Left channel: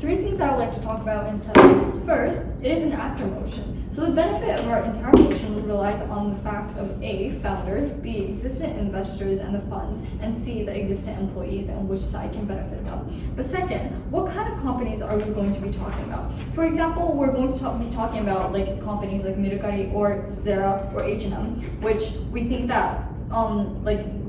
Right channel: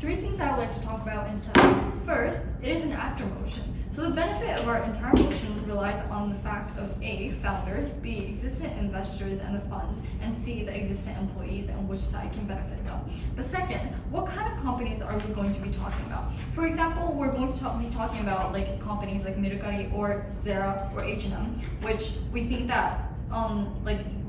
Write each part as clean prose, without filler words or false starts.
Three things I would like to talk about in setup. First, it is an after motion. So the benefit of our entire motion relies on the fact of A, founders, B, existing investors and the funds, and C, the existing employees and which side can benefit them. But second, what kind of companies are we going to be talking about? For example, we're going to be talking about like companies like Mercari or Zara or H&M, which we think that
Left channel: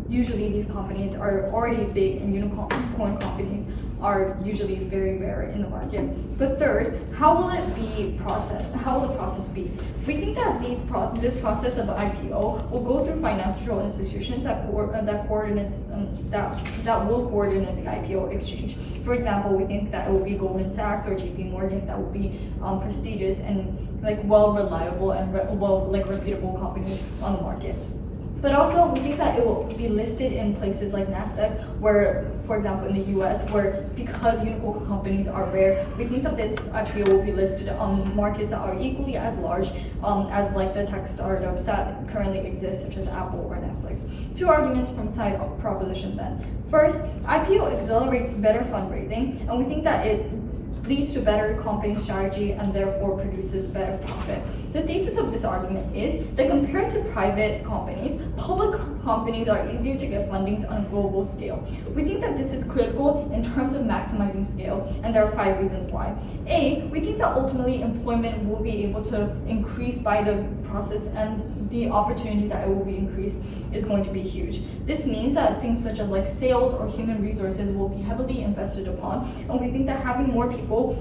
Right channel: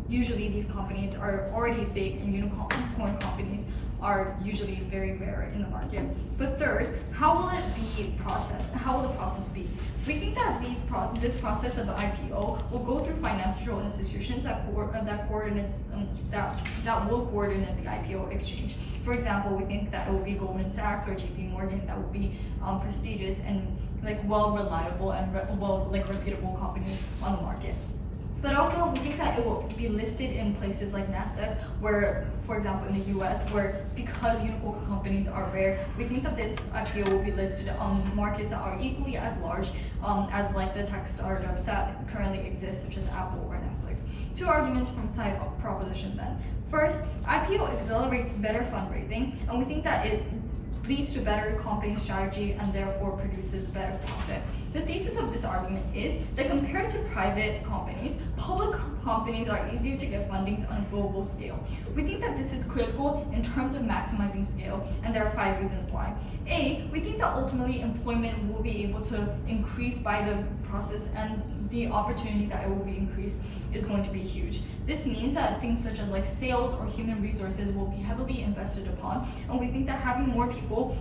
usually these companies are already big, and unicorn companies are usually very rare in the market. But third, how will it be processed? How will the process be? We think that this process of the IPO will go through financial institutions that will coordinate the IPO exchange. For example, we think that it will be Goldman Sachs or JP Morgan that will be prestigious and reliable and reputable companies on the market. But also, we think that it will be listed in places like NASDAQ, where, for example, in the US, where because unicorn companies are rare, we think that this IPO will be listed on markets that are equally as large as like the tech startups that currently exist, such as Apple or Netflix. Two arguments from side proposition then. First, IPO accelerates better fundraising, and we think that it leads to better company strategy and therefore produces better profit. The thesis of this argument is that compared to private companies, public companies are easier to get fundings on a global scale. We think that this is critical in terms of maximizing scale, and there are 5 reasons why. A, we think that ultimately employment will be able to increase by the process, and the opportunity that it will be increased is going to be huge. This means that things such as like sales or human resources will be heavily invested upon, and we think that having more people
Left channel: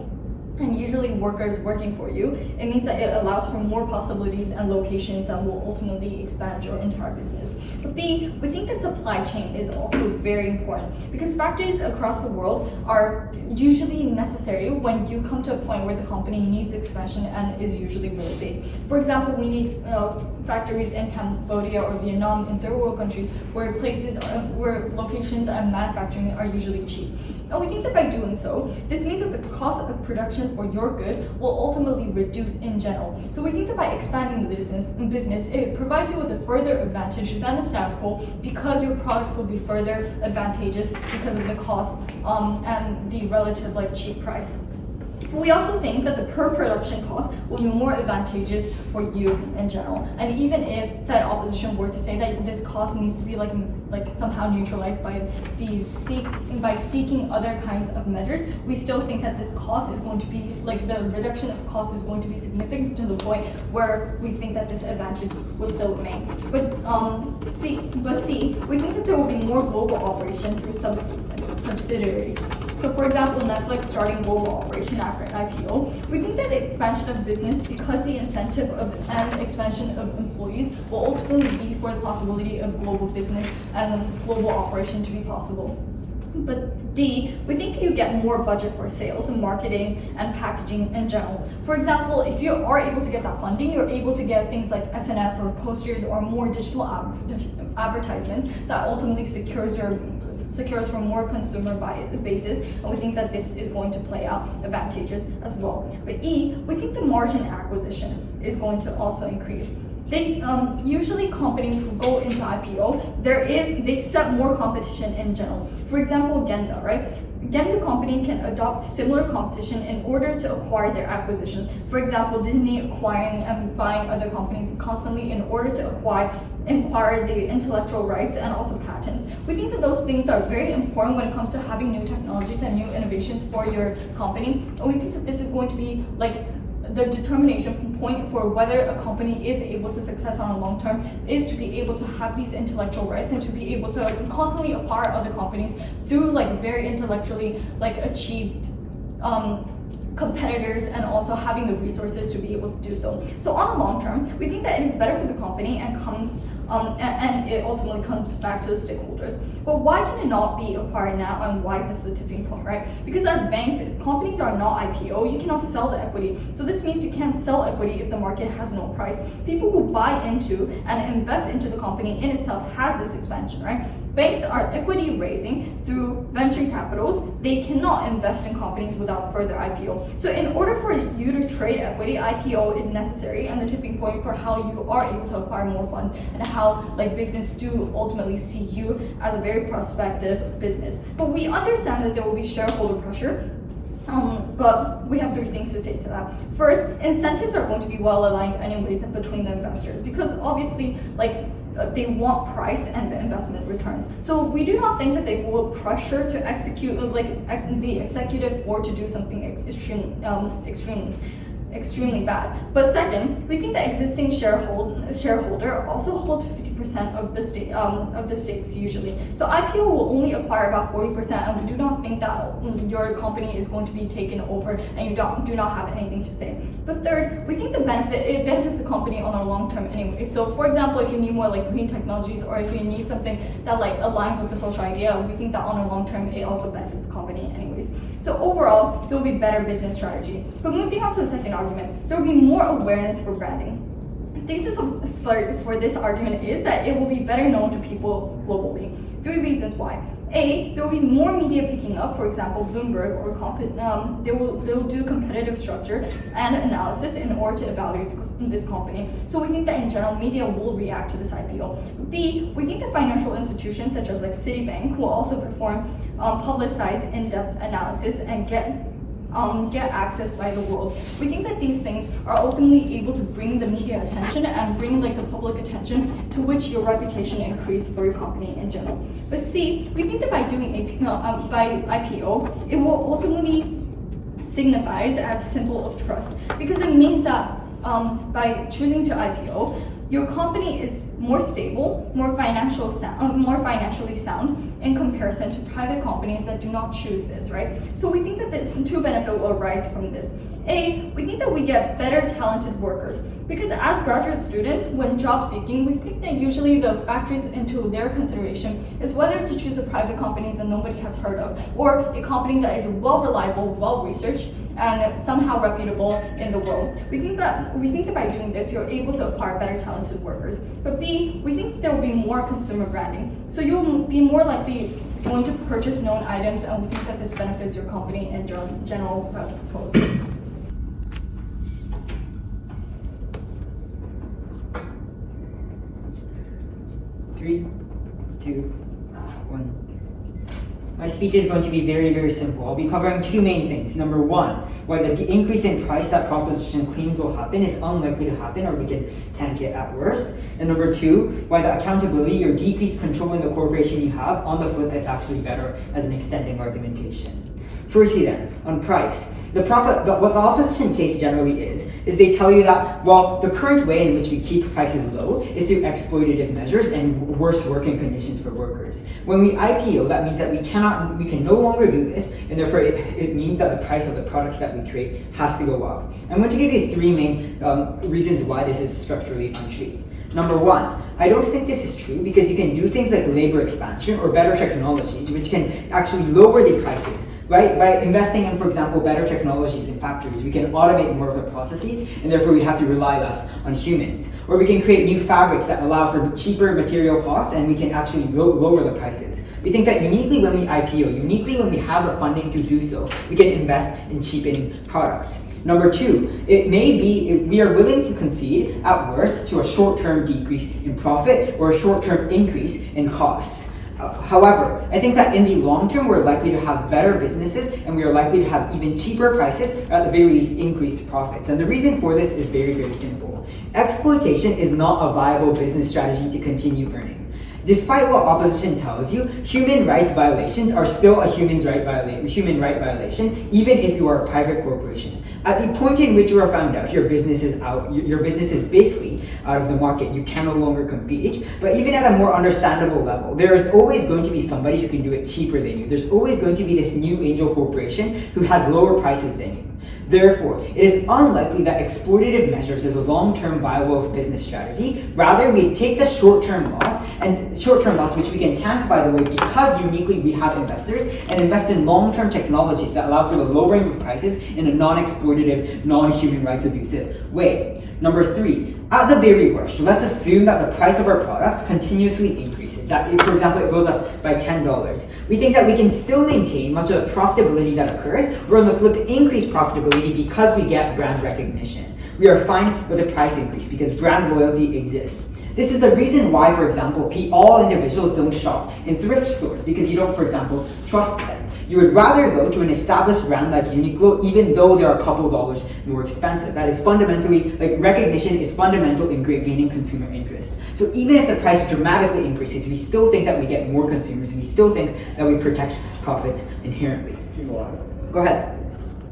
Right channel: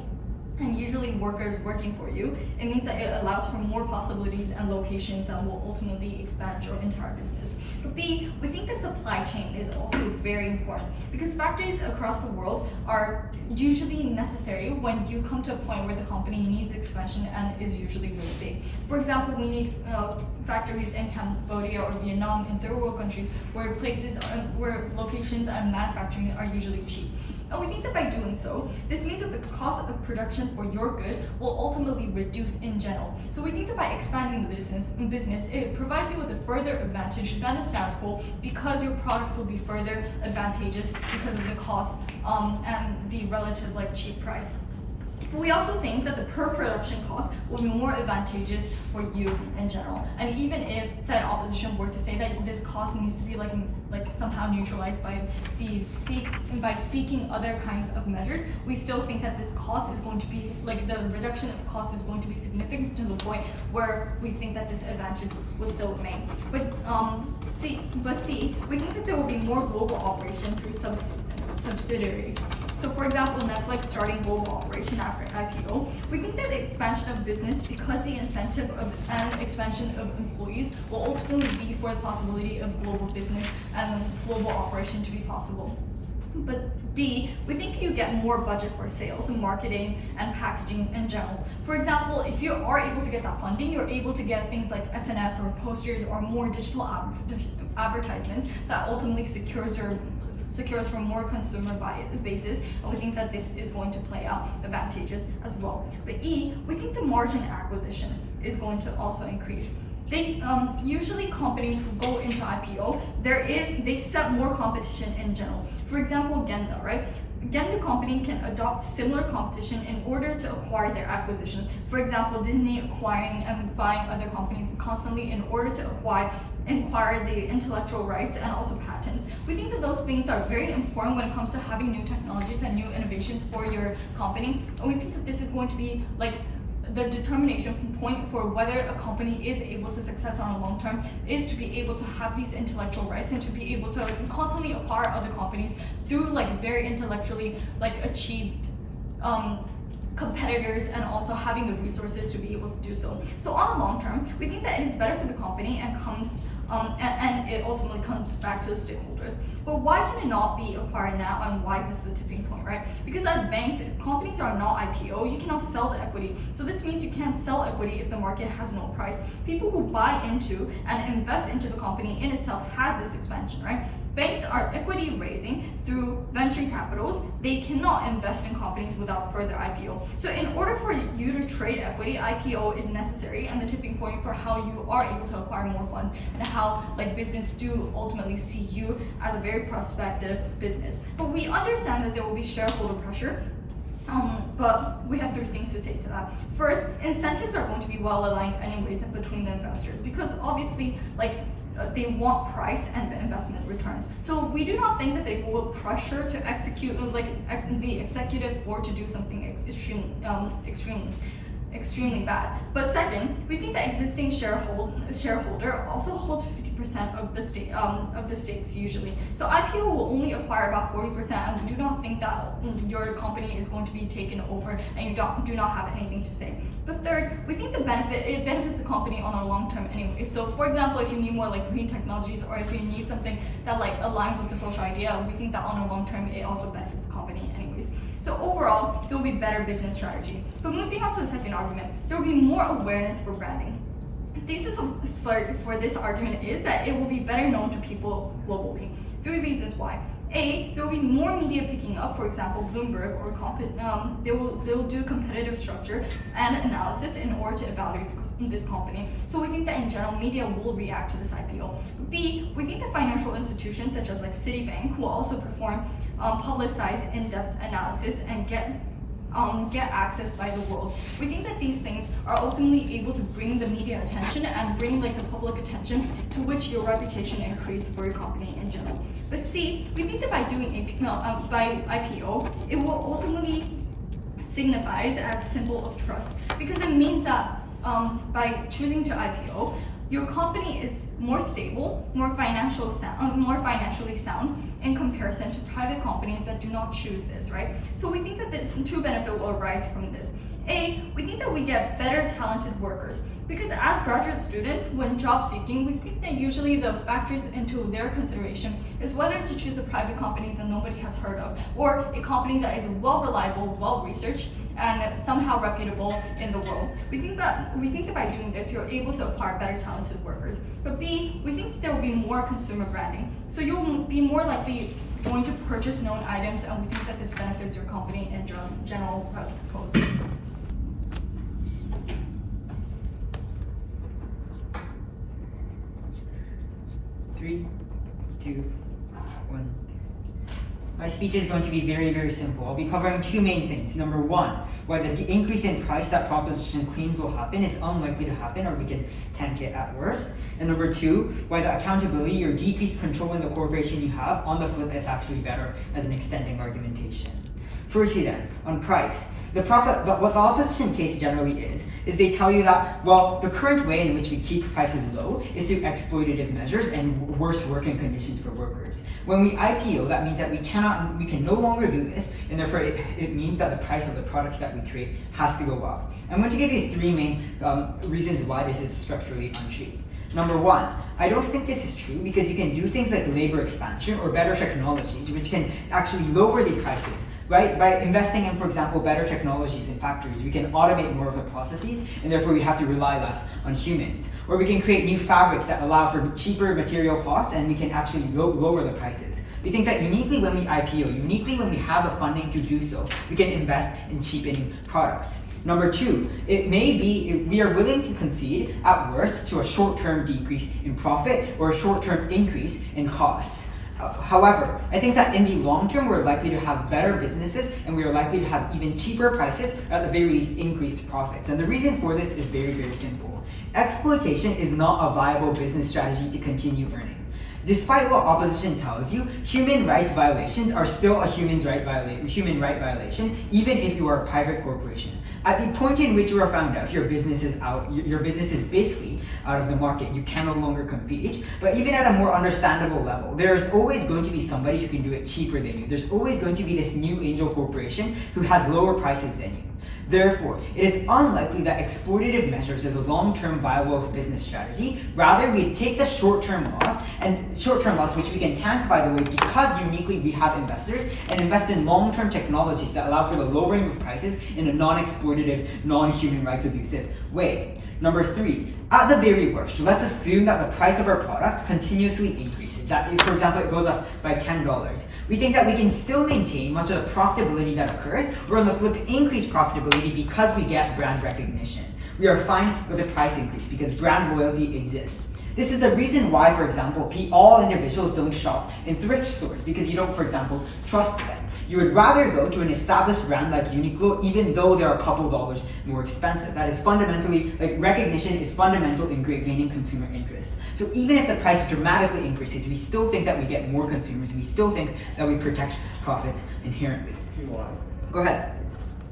and usually workers working for you, it means that it allows for more possibilities and locations that will ultimately expand your entire business. But B, we think the supply chain is also very important because factories across the world are usually necessary when you come to a point where the company needs expansion and is usually really big. For example, we need factories in Cambodia or Vietnam, in third world countries, where locations and manufacturing are usually cheap. And we think that by doing so, this means that the cost of production for your good will ultimately reduce in general. So we think that by expanding the business, it provides you with a further advantage than the status quo because your products will be further advantageous because of the cost and the relative cheap price. But we also think that the per production cost will be more advantageous for you in general. And even if said opposition were to say that this cost needs to be somehow neutralized by seeking other kinds of measures, we still think that this cost is going to be the reduction of cost is going to be significant to the point where we think that this advantage will still remain. But C, we think that there will be more global operation through subsidiaries. So for example, Netflix starting global operation after IPO, we think that the expansion of business, because the incentive and expansion of employees will ultimately be for the possibility of global business and global operation to be possible. But D, we think you get more budget for sales and marketing and packaging in general. For example, if you are able to get that funding, you're able to get things like SNS or posters or more digital advertisements that ultimately secures for more consumer bases, and we think that this is going to play out advantageous as well. But E, we think the margin acquisition is going to also increase. Usually companies who go into IPO, they set more competition in general. For example, Genda, right? Genda company can adopt similar competition in order to acquire their acquisition. For example, Disney acquiring and buying other companies constantly in order to acquire the intellectual rights and also patents. We think that those things are very important when it comes to having new technologies and new innovations for your company. And we think that this is going to be the determination point for whether a company is able to success on a long term is to be able to have these intellectual rights and to be able to constantly acquire other companies through very intellectually achieved competitors and also having the resources to be able to do so. So on a long term, we think that it is better for the company and it ultimately comes back to the stakeholders. But why can it not be acquired now, and why is this the tipping point, right? Because as banks, if companies are not IPO, you cannot sell the equity. So this means you can't sell equity if the market has no price. People who buy into and invest into the company in itself has this expansion, right? Banks are equity raising through venture capitals. They cannot invest in companies without further IPO. So in order for you to trade equity, IPO is necessary and the tipping point for how you are able to acquire more funds and how business do ultimately see you as a very prospective business. But we understand that there will be shareholder pressure But we have 3 things to say to that. First, incentives are going to be well aligned anyways between the investors, because obviously, like, they want price and investment returns. So we do not think that they will pressure to execute, like, the executive board to do something extremely bad. But second, we think that existing shareholder also holds 50% of the stakes usually. So IPO will only acquire about 40%, and we do not think that your company is going to be taken over and you do not have anything to say. But third, we think it benefits the company on the long term anyway. So for example, if you need more like green technologies, or if you need something that like aligns with the social idea, we think that on a long term it also benefits the company anyways. So overall, there will be better business strategy. But moving on to the second argument, there will be more awareness for branding. The thesis for this argument is that it will be better known to people globally. 3 reasons why. A, there will be more media picking up. For example, Bloomberg or they will do competitive structure and analysis in order to evaluate this company. So we think that in general, media will react to this IPO. B, we think that financial institutions such as like Citibank will also perform publicized in-depth analysis and get access by the world. We think that these things are ultimately able to bring the media attention and bring like the public attention, to which your reputation increase for your company in general. But C, we think that by doing by IPO, it will ultimately signifies as symbol of trust, because it means that by choosing to IPO, your company is more stable, more financially sound in comparison to private companies that do not choose this, right? So we think that the 2 benefits will arise from this. A, we think that we get better talented workers, because as graduate students, when job seeking, we think that usually the factors into their consideration is whether to choose a private company that nobody has heard of, or a company that is well reliable, well researched, and somehow reputable in the world. We think that by doing this, you're able to acquire better talented workers. But B, we think there will be more consumer branding. So you'll be more likely going to purchase known items, and we think that this benefits your company in general purpose. 3, 2, 1. My speech is going to be very, very simple. I'll be covering 2 main things. Number 1, why the increase in price that proposition claims will happen is unlikely to happen, or we can tank it at worst. And number 2, why the accountability or decreased control in the corporation you have on the flip is actually better as an extending argumentation. Firstly then, on price. What the opposition case generally is they tell you that, well, the current way in which we keep prices low is through exploitative measures and worse working conditions for workers. When we IPO, that means that we can no longer do this, and therefore it means that the price of the product that we create has to go up. I'm going to give you 3 main reasons why this is structurally untrue. Number 1, I don't think this is true, because you can do things like labor expansion or better technologies, which can actually lower the prices. Right? By investing in, for example, better technologies in factories, we can automate more of the processes, and therefore we have to rely less on humans. Or we can create new fabrics that allow for cheaper material costs, and we can actually lower the prices. We think that uniquely when we IPO, uniquely when we have the funding to do so, we can invest in cheapening products. Number 2, it may be we are willing to concede, at worst, to a short-term decrease in profit or a short-term increase in costs. However, I think that in the long term, we're likely to have better businesses, and we are likely to have even cheaper prices, or at the very least increased profits. And the reason for this is very, very simple. Exploitation is not a viable business strategy to continue earning. Despite what opposition tells you, human rights violations are still a human right violation, even if you are a private corporation. At the point in which you are found out, your business is basically out of the market. You can no longer compete. But even at a more understandable level, there is always going to be somebody who can do it cheaper than you. There's always going to be this new angel corporation who has lower prices than you. Therefore, it is unlikely that exploitative measures is a long-term viable business strategy. Rather, we take the short-term loss, which we can tank, by the way, because uniquely we have investors, and invest in long-term technologies that allow for the lowering of prices in a non-exploitative, non-human rights abusive way. Number 3, at the very worst, let's assume that the price of our products continuously increases. That, if, for example, it goes up by $10. We think that we can still maintain much of the profitability that occurs, or on the flip, increase profitability because we get brand recognition. We are fine with a price increase because brand loyalty exists. This is the reason why, for example, all individuals don't shop in thrift stores, because you don't, for example, trust them. You would rather go to an established brand like Uniqlo, even though they're a couple dollars more expensive. That is fundamentally, like, recognition is fundamental in gaining consumer interest. So even if the price dramatically increases, we still think that we get more consumers. We still think that we protect profits inherently. Go ahead.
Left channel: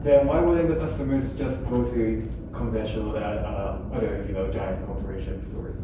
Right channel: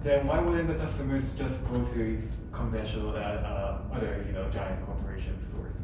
Then why wouldn't the customers just go to conventional other giant corporation stores?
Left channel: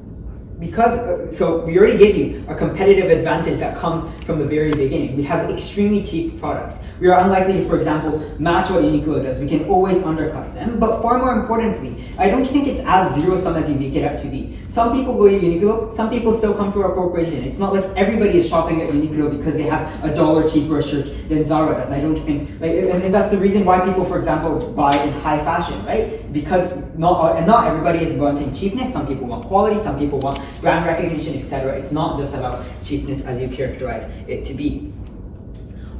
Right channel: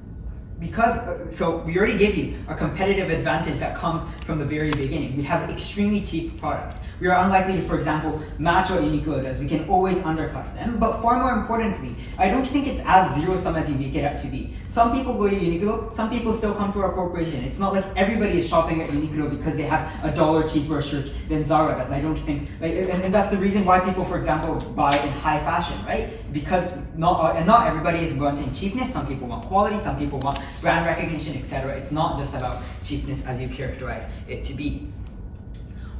Because, so we already gave you a competitive advantage that comes from the very beginning. We have extremely cheap products. We are unlikely to, for example, match what Uniqlo does. We can always undercut them. But far more importantly, I don't think it's as zero-sum as you make it out to be. Some people go to Uniqlo, some people still come to our corporation. It's not like everybody is shopping at Uniqlo because they have $1 cheaper shirt than Zara does. I don't think, and that's the reason why people, for example, buy in high fashion, right? Because not everybody is wanting cheapness. Some people want quality, some people want brand recognition, etc. It's not just about cheapness as you characterize it to be.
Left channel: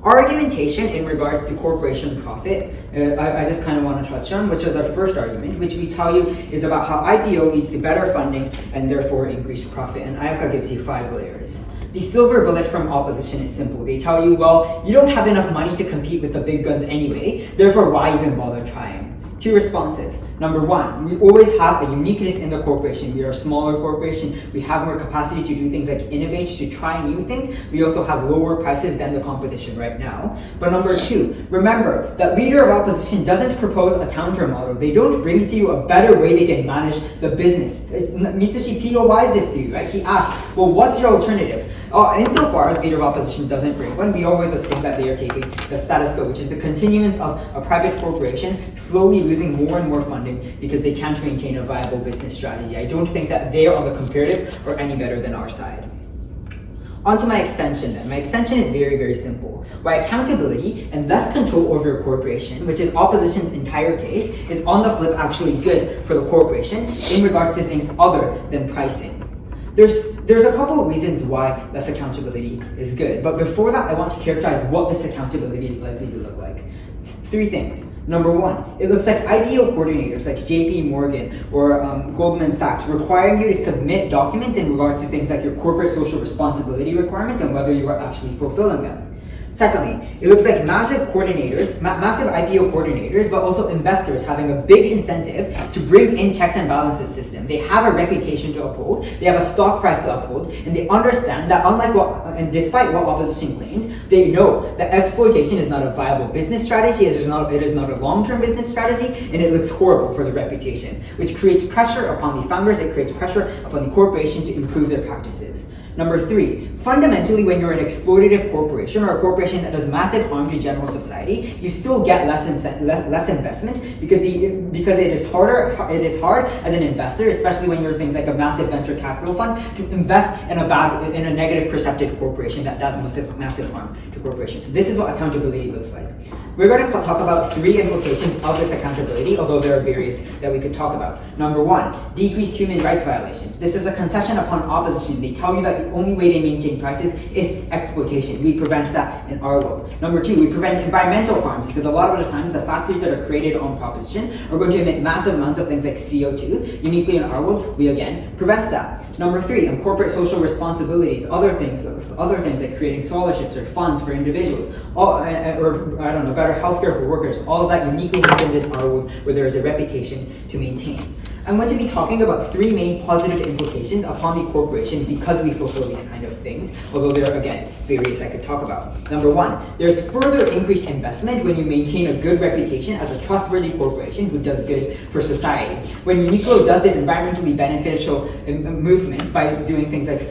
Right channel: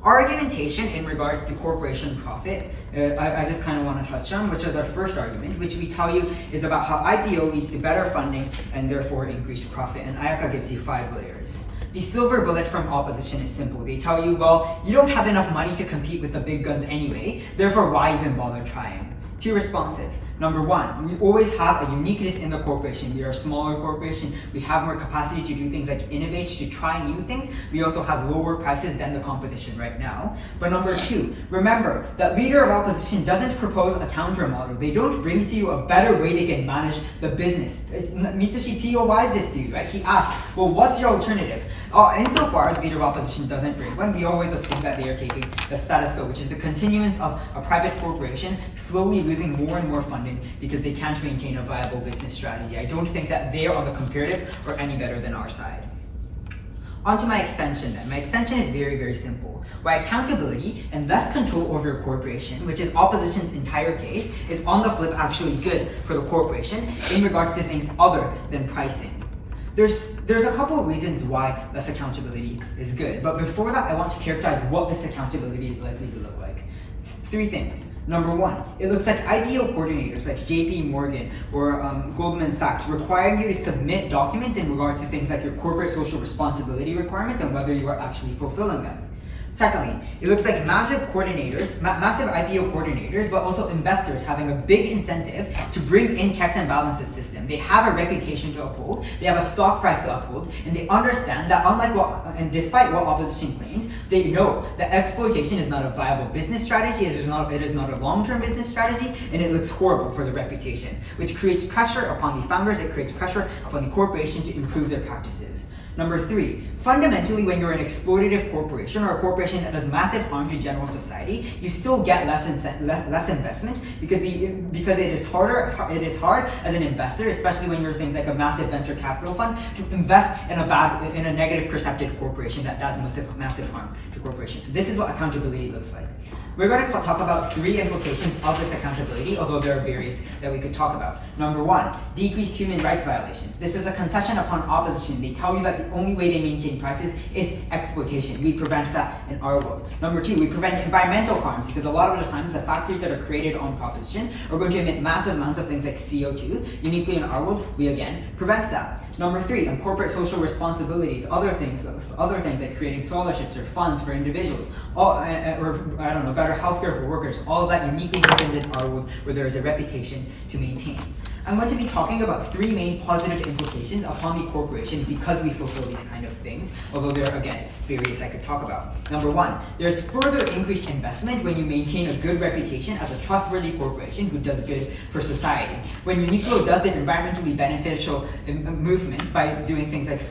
Our argumentation in regards to corporation profit, I just kind of want to touch on, which is our first argument, which we tell you is about how IPO leads to better funding and therefore increased profit. And Ayaka gives you 5 layers. The silver bullet from opposition is simple. They tell you, well, you don't have enough money to compete with the big guns anyway, therefore why even bother trying? 2 responses. Number 1, we always have a uniqueness in the corporation. We are a smaller corporation. We have more capacity to do things like innovate, to try new things. We also have lower prices than the competition right now. But number 2, remember that leader of opposition doesn't propose a counter model. They don't bring to you a better way they can manage the business. Mitsushi POIs this to you, right? He asked, well, what's your alternative? Insofar as leader of opposition doesn't bring one, we always assume that they are taking the status quo, which is the continuance of a private corporation slowly losing more and more funding because they can't maintain a viable business strategy. I don't think that they are on the comparative or any better than our side. On to my extension then. My extension is very, very simple. Why accountability and less control over your corporation, which is opposition's entire case, is on the flip actually good for the corporation in regards to things other than pricing. There's a couple of reasons why less accountability is good, but before that I want to characterize what this accountability is likely to look like. 3 things. Number 1, it looks like IPO coordinators like JP Morgan or Goldman Sachs requiring you to submit documents in regards to things like your corporate social responsibility requirements and whether you are actually fulfilling them. Secondly, it looks like massive coordinators, massive IPO coordinators, but also investors having a big incentive to bring in checks and balances system. They have a reputation to uphold, they have a stock price to uphold, and they understand that and despite what opposition claims, they know that exploitation is not a viable business strategy, it is not a long-term business strategy, and it looks horrible for the reputation, which creates pressure upon the founders, it creates pressure upon the corporation to improve their practices. Number 3, fundamentally when you're an exploitative corporation or a corporation that does massive harm to general society, you still get less investment because it is hard as an investor, especially when you're things like a massive venture capital fund, to invest in a negative perceptive corporation that does massive harm to corporations. So this is what accountability looks like. We're going to talk about 3 implications of this accountability, although there are various that we could talk about. Number 1, decreased human rights violations. This is a concession upon opposition. They tell you that the only way they maintain prices is exploitation. We prevent that in our world. Number 2, we prevent environmental harms because a lot of the times the factories that are created on proposition are going to emit massive amounts of things like CO2. Uniquely in our world, we again prevent that. Number 3, on corporate social responsibilities, other things like creating scholarships or funds for individuals, better healthcare for workers. All of that uniquely happens in our world where there is a reputation to maintain. I'm going to be talking about 3 main positive implications upon the corporation because we fulfill these kind of things, although there are, again, various I could talk about. Number 1, there's further increased investment when you maintain a good reputation as a trustworthy corporation who does good for society. When Uniqlo does their environmentally beneficial movements by doing things like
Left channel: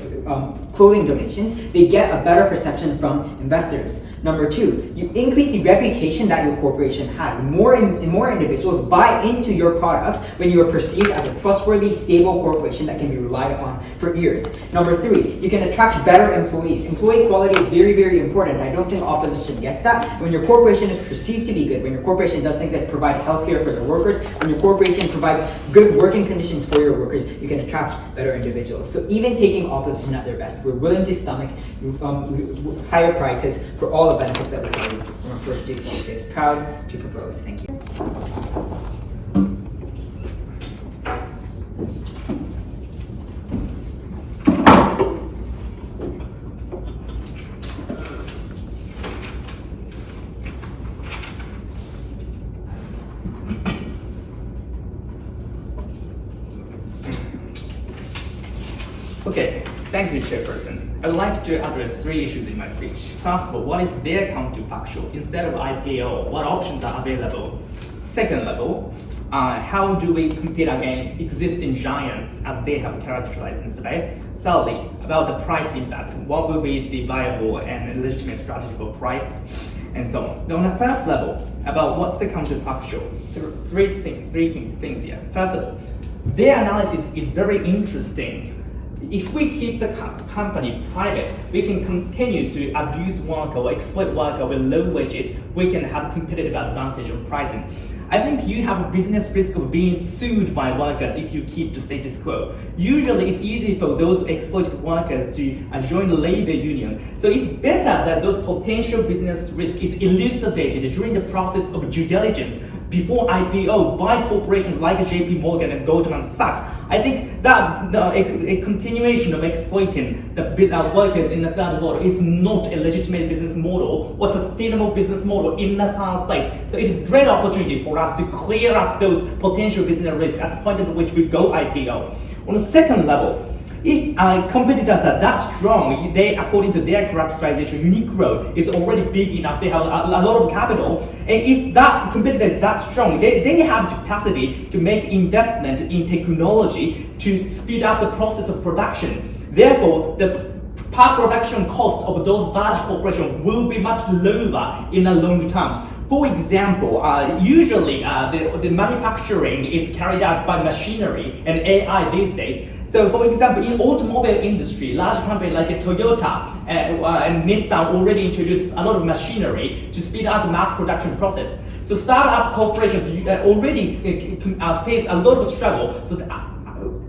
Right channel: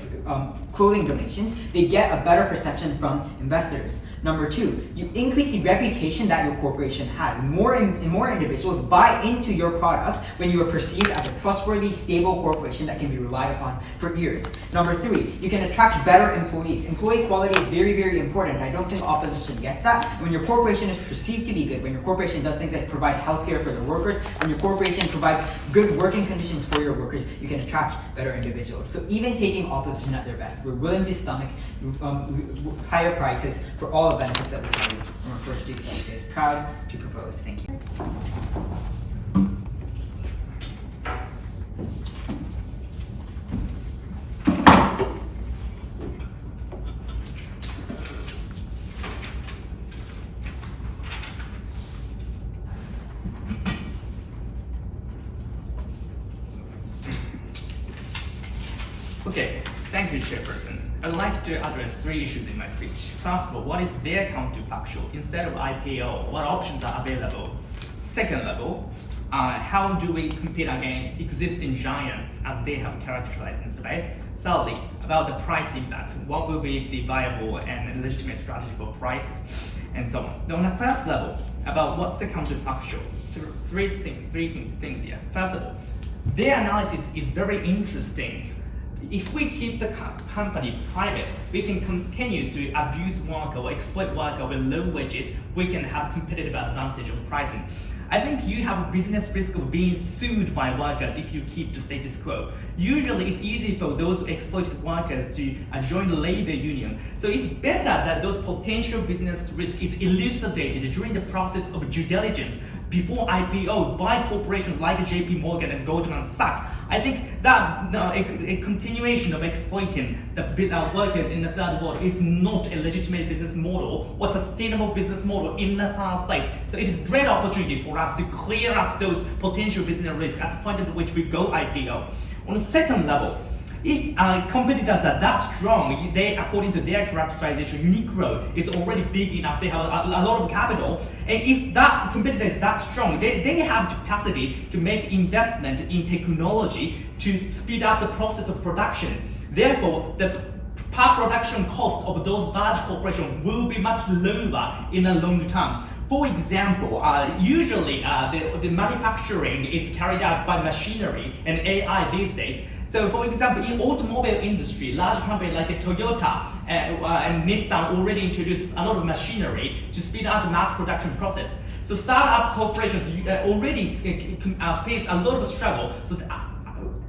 clothing donations, they get a better perception from investors. Number 2, you increase the reputation that your corporation has. More individuals buy into your product when you are perceived as a trustworthy, stable corporation that can be relied upon for years. Number 3, you can attract better employees. Employee quality is very, very important. I don't think opposition gets that. When your corporation is perceived to be good, when your corporation does things like provide healthcare for their workers, when your corporation provides good working conditions for your workers, you can attract better individuals. So even taking opposition at their best, we're willing to stomach higher prices for all the benefits that we tell you from our first GC, which is proud to propose. Thank you. Okay, thank you, Chairperson. I would like to address 3 issues in my speech. First of all, what is their counterfactual? Instead of IPO, what options are available? Second level, how do we compete against existing giants as they have characterized in today? Thirdly, about the price impact. What will be the viable and legitimate strategy for price? And so on. Now, on the first level, about what's the counterfactual? Three things here. First of all, their analysis is very interesting. If we keep the company private, we can continue to abuse worker or exploit worker with low wages. We can have competitive advantage of pricing. I think you have a business risk of being sued by workers if you keep the status quo. Usually it's easy for those exploited workers to join the labor union. So it's better that those potential business risk is elucidated during the process of due diligence before IPO by corporations like JP Morgan and Goldman Sachs. I think that a continuation of exploiting the workers in the third world is not a legitimate business model or sustainable business model in the first place. So it is a great opportunity for us to clear up those potential business risks at the point at which we go IPO. On the second level, if competitors are that strong, they, according to their characterization, Uniqlo is already big enough, they have a lot of capital, and if that competitor is that strong, they have capacity to make investment in technology to speed up the process of production. Therefore, the per production cost of those large corporations will be much lower in the long term. For example, usually the manufacturing is carried out by machinery and AI these days. So for example, in automobile industry, large companies like Toyota and Nissan already introduced a lot of machinery to speed up the mass production process. So startup corporations already face a lot of struggle. So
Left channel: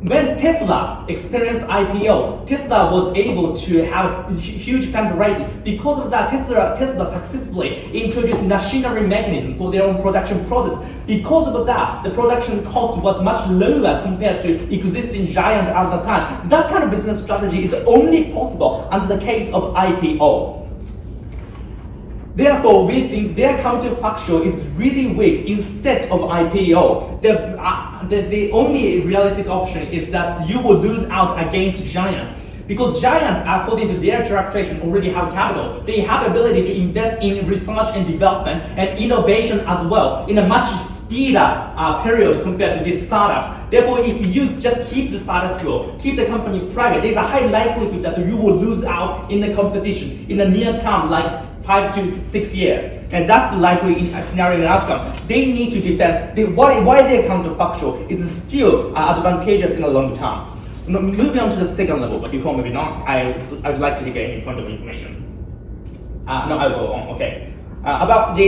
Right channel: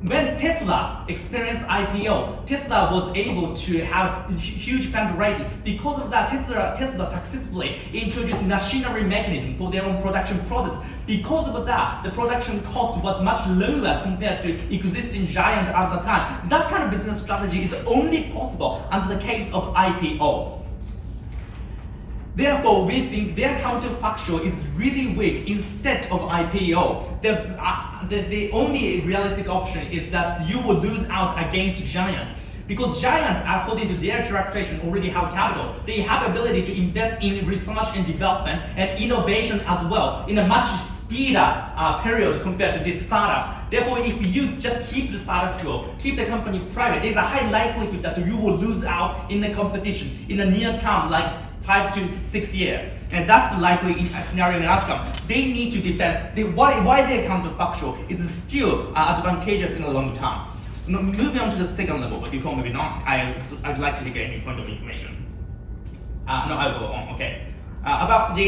when Tesla experienced IPO, Tesla was able to have huge fundraising. Because of that, Tesla successfully introduced machinery mechanism for their own production process. Because of that, the production cost was much lower compared to existing giant at the time. That kind of business strategy is only possible under the case of IPO. Therefore, we think their counterfactual is really weak instead of IPO. The only realistic option is that you will lose out against giants. Because giants, according to their characterization, already have capital. They have ability to invest in research and development and innovation as well in a much speeder period compared to these startups. Therefore, if you just keep the status quo, keep the company private, there's a high likelihood that you will lose out in the competition in the near term, like 5 to 6 years. And that's likely a scenario and outcome. They need to defend why their counterfactual is still advantageous in the long term. Moving on to the second level, but before moving on, I would like to get any point of information. No, I will go on, okay. About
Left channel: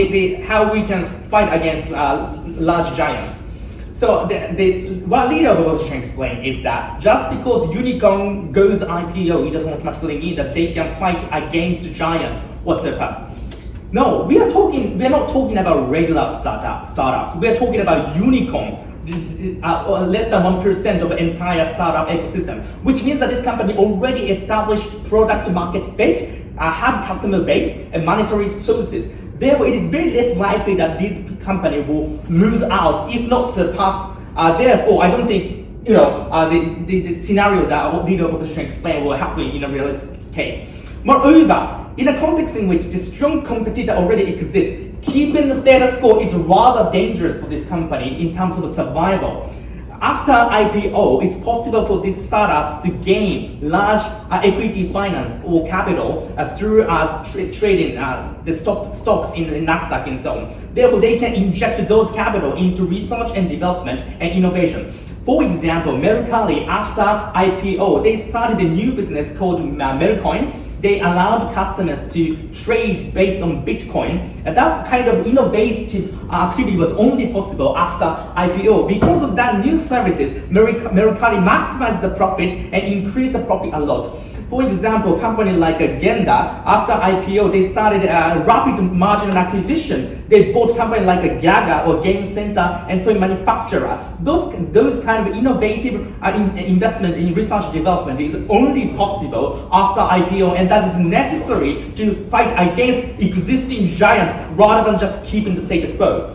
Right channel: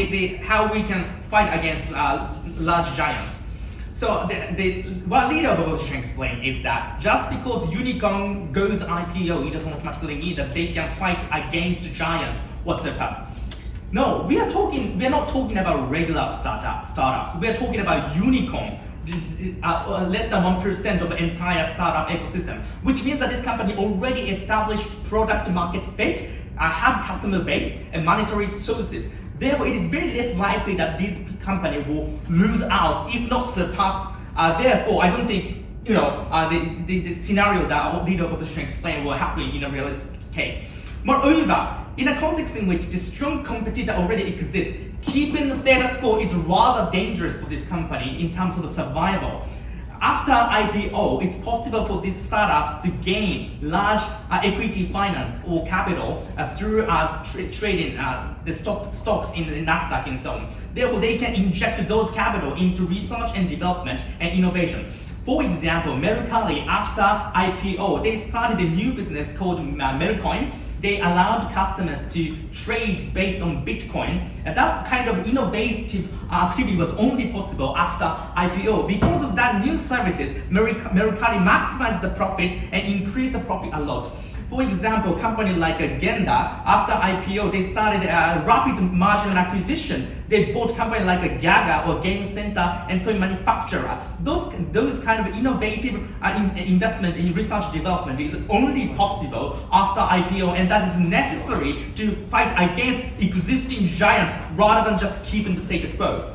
how we can fight against large giants. So what leader of opposition explained is that just because Unicorn goes IPO, it doesn't automatically mean that they can fight against giants or surpass. No, we're not talking about regular startups. We're talking about unicorn. Less than 1% of the entire startup ecosystem, which means that this company already established product market fit, have customer base and monetary sources. Therefore, it is very less likely that this company will lose out, if not surpass. Therefore, I don't think the scenario that leader of opposition explained will happen in a realistic case. Moreover, in a context in which the strong competitor already exists, keeping the status quo is rather dangerous for this company in terms of survival. After IPO, it's possible for these startups to gain large equity finance or capital through trading the stocks in the Nasdaq and so on. Therefore, they can inject those capital into research and development and innovation. For example, Mercari, after IPO, they started a new business called Mercoin. They allowed customers to trade based on Bitcoin. And that kind of innovative activity was only possible after IPO. Because of that new services, Mercari maximized the profit and increased the profit a lot. For example, a company like Genda, after IPO, they started a rapid margin acquisition. They bought companies like Gaga or Game Center and toy manufacturer. Those kind of innovative investment in research development is only possible after IPO, and that is necessary to fight against existing giants rather than just keeping the status quo.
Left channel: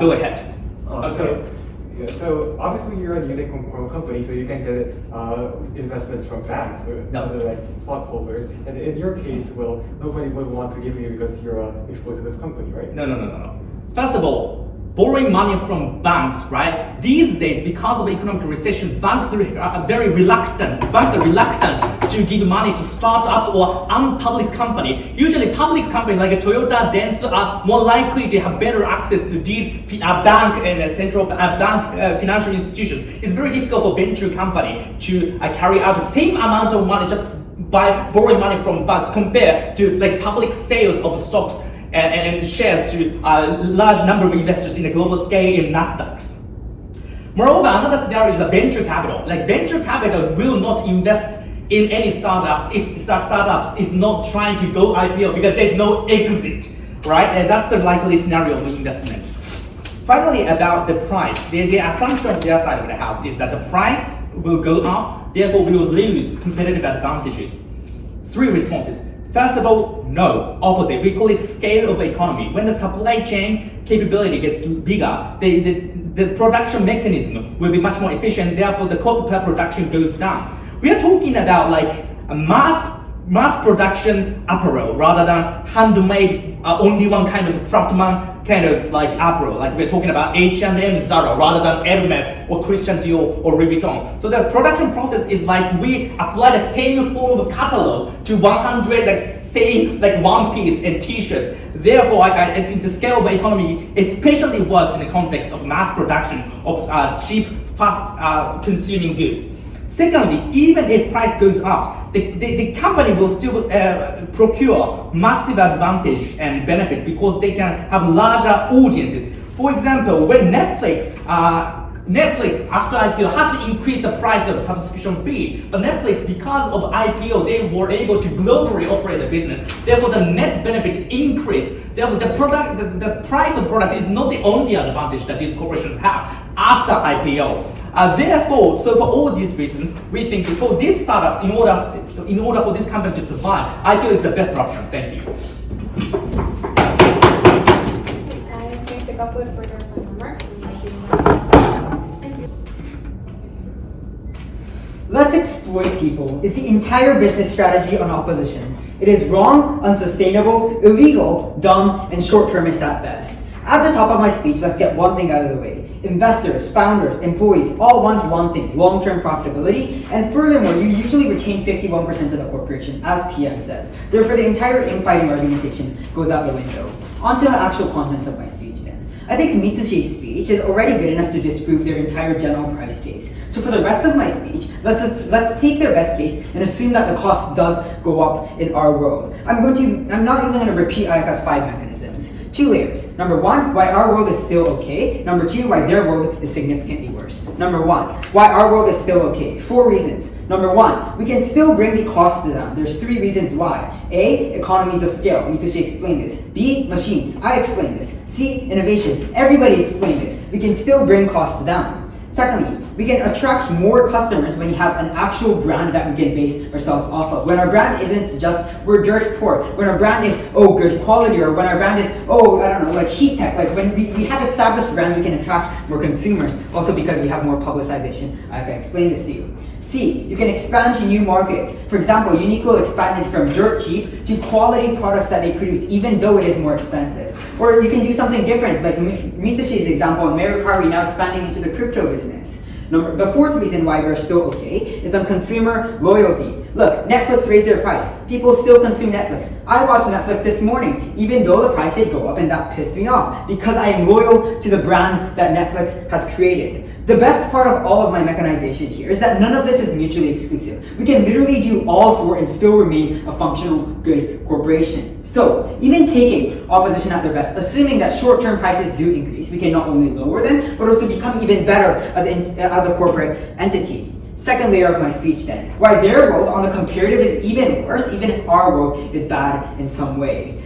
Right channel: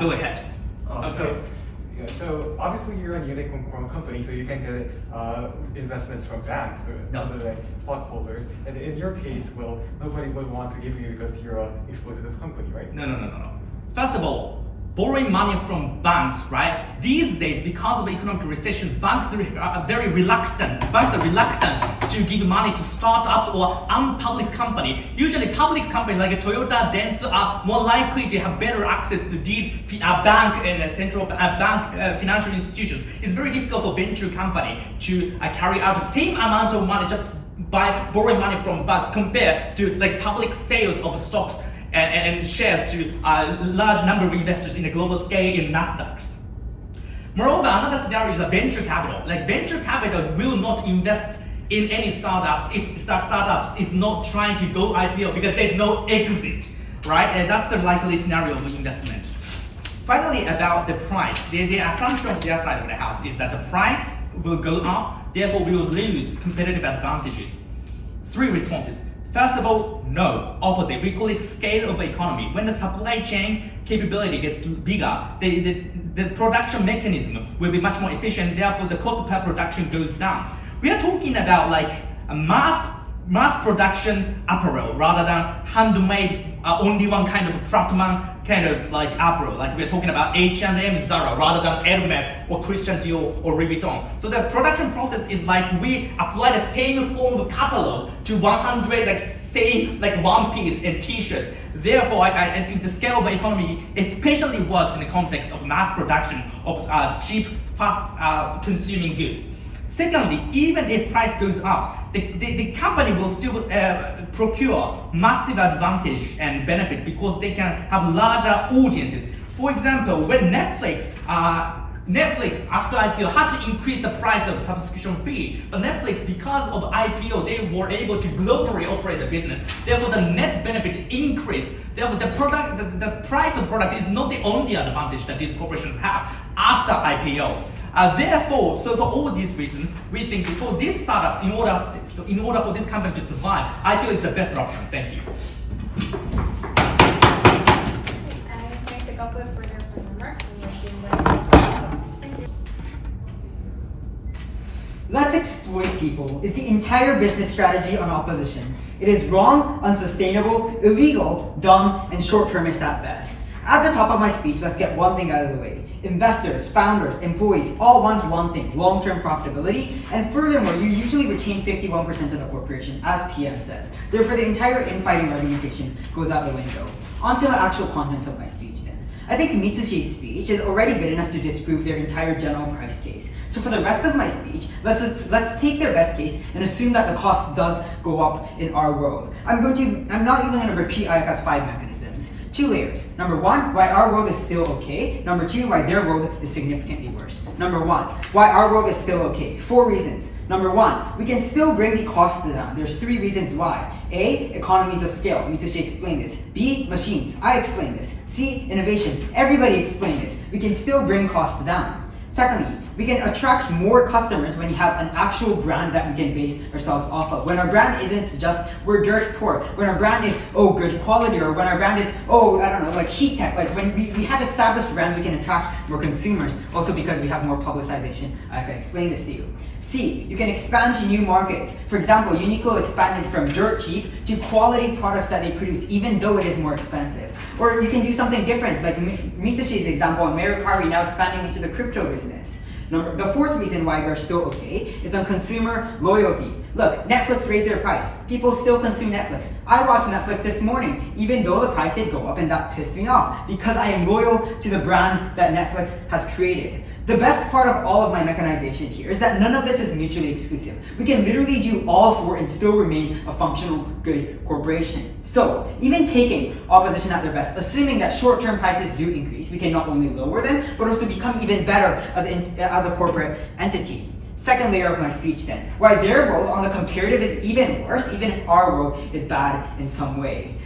Go ahead. So Yeah, so obviously you're a unicorn company, so you can get investments from banks or No. other like stockholders. And in your case, well, nobody would want to give you because you're an exploitative company, right? No. First of all, borrowing money from banks, right? These days, because of economic recessions, banks are very reluctant. Banks are reluctant to give money to startups or unpublic company. Usually, public companies like Toyota, Dentsu are more likely to have better access to these bank and central bank financial institutions. It's very difficult for venture company to carry out the same amount of money just by borrowing money from banks compared to like public sales of stocks and shares to a large number of investors in a global scale in Nasdaq. Moreover, another scenario is the venture capital. Like venture capital will not invest in any startups if the startups is not trying to go IPO because there's no exit, right? And that's the likely scenario of investment. Finally, about the price, the assumption on their side of the house is that the price will go up, therefore we will lose competitive advantages. 3 responses. First of all, no, opposite. We call it scale of economy. When the supply chain capability gets bigger, the production mechanism will be much more efficient, therefore the cost per production goes down. We are talking about like a mass production apparel rather than handmade only one kind of craftsman kind of like apparel. Like we're talking about H&M, Zara rather than Hermes or Christian Dior or Louis Vuitton. So the production process is like we apply the same form of catalog to 100 like same like one piece and t-shirts. Therefore, I think the scale of economy especially works in the context of mass production of cheap, fast consuming goods. Secondly, even if price goes up, the company will still procure massive advantage and benefit because they can have larger audiences. For example, when Netflix after IPO had to increase the price of subscription fee, but Netflix, because of IPO, they were able to globally operate the business. Therefore, the net benefit increased. Therefore, the price of product is not the only advantage that these corporations have after IPO. Therefore, so for all these reasons, we think for these startups, in order for this company to survive, IPO is the best option. Thank you. I'm going to pick up with further remarks. Let's exploit people is the entire business strategy on opposition. It is wrong, unsustainable, illegal, dumb, and short-termist at best. At the top of my speech, let's get one thing out of the way. Investors, founders, employees all want one thing, long-term profitability, and furthermore, you usually retain 51% of the corporation, as PM says. Therefore, the entire infighting argumentation goes out the window. On to the actual content of my speech then. I think Mitsushi's speech is already good enough to disprove their entire general price case. So for the rest of my speech, let's take their best case and assume that the cost does go up in our world. I'm not even going to repeat Ayaka's 5 mechanisms. 2 layers. Number 1, why our world is still okay. Number 2, why their world is significantly worse. Number 1, why our world is still okay. 4 reasons. Number 1, we can still bring the costs down. There's 3 reasons why. A, economies of scale. Mitsushi explained this. B, machines. I explained this. C, innovation. Everybody explained this. We can still bring costs down. Secondly, we can attract more customers when you have an actual brand that we can base ourselves off of. When our brand isn't just, we're dirt poor. When our brand is, oh, good quality, or when our brand is, oh, I don't know, like heat tech. Like when we have established brands, we can attract more consumers. Also because we have more publicization. I can explain this to you. C, you can expand to new markets. For example, Uniqlo expanded from dirt cheap to quality products that they produce, even though it is more expensive. Or you can do something different, like Mitsushi's example, Mercari now expanding into the crypto business. The 4th reason why we're still okay is on consumer loyalty. Look, Netflix raised their price. People still consume Netflix. I watched Netflix this morning, even though the price did go up, and that pissed me off, because I am loyal to the brand that Netflix has created. The best part of all of my mechanization here is that none of this is mutually exclusive. We can literally do all 4 and still remain a functional, good corporation. So, even taking opposition at their best, assuming that short-term prices do increase, we can not only lower them, but also become even better as a corporate entity. Second layer of my speech then, why their world on the comparative is even worse, even if our world is bad in some way.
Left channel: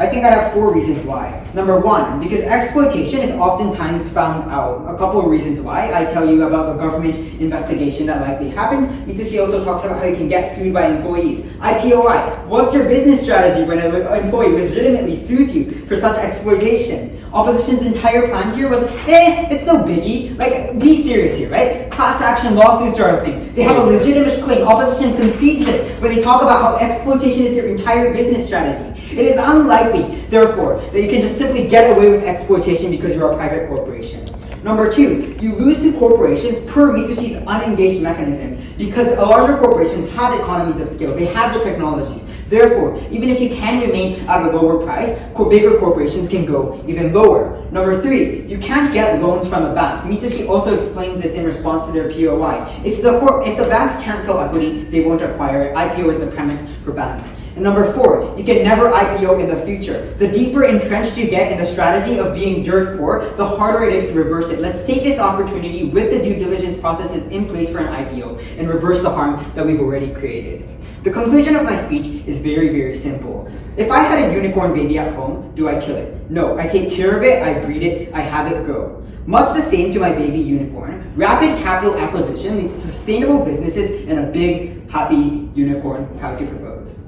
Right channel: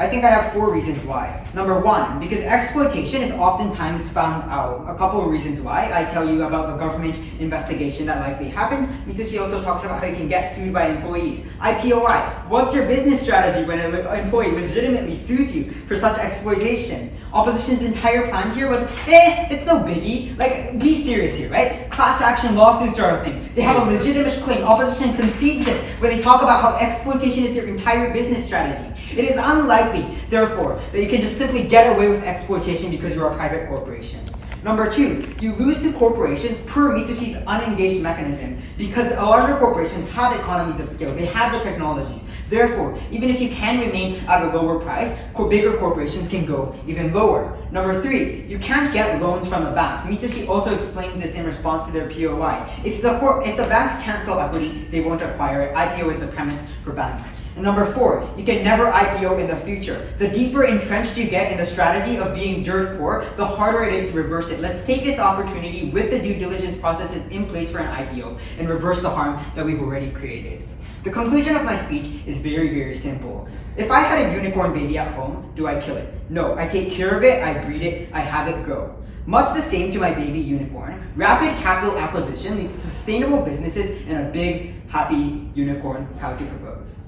I think I have 4 reasons why. Number 1, because exploitation is oftentimes found out. A couple of reasons why. I tell you about the government investigation that likely happens. Mitsushi also talks about how you can get sued by employees. IPOI, what's your business strategy when an employee legitimately sues you for such exploitation? Opposition's entire plan here was, it's no biggie. Like, be serious here, right? Class action lawsuits are a thing. They have a legitimate claim. Opposition concedes this when they talk about how exploitation is their entire business strategy. It is unlikely, therefore, that you can just simply get away with exploitation because you're a private corporation. Number 2, you lose to corporations per Mitsushi's unengaged mechanism because larger corporations have economies of scale. They have the technologies. Therefore, even if you can remain at a lower price, bigger corporations can go even lower. Number 3, you can't get loans from the banks. Mitsushi also explains this in response to their POI. If the bank can't sell equity, they won't acquire it. IPO is the premise for bank. And number 4, you can never IPO in the future. The deeper entrenched you get in the strategy of being dirt poor, the harder it is to reverse it. Let's take this opportunity with the due diligence processes in place for an IPO and reverse the harm that we've already created. The conclusion of my speech is very, very simple. If I had a unicorn baby at home, do I kill it? No, I take care of it, I breed it, I have it grow. Much the same to my baby unicorn, rapid capital acquisition leads to sustainable businesses and a big, happy unicorn. Proud to propose.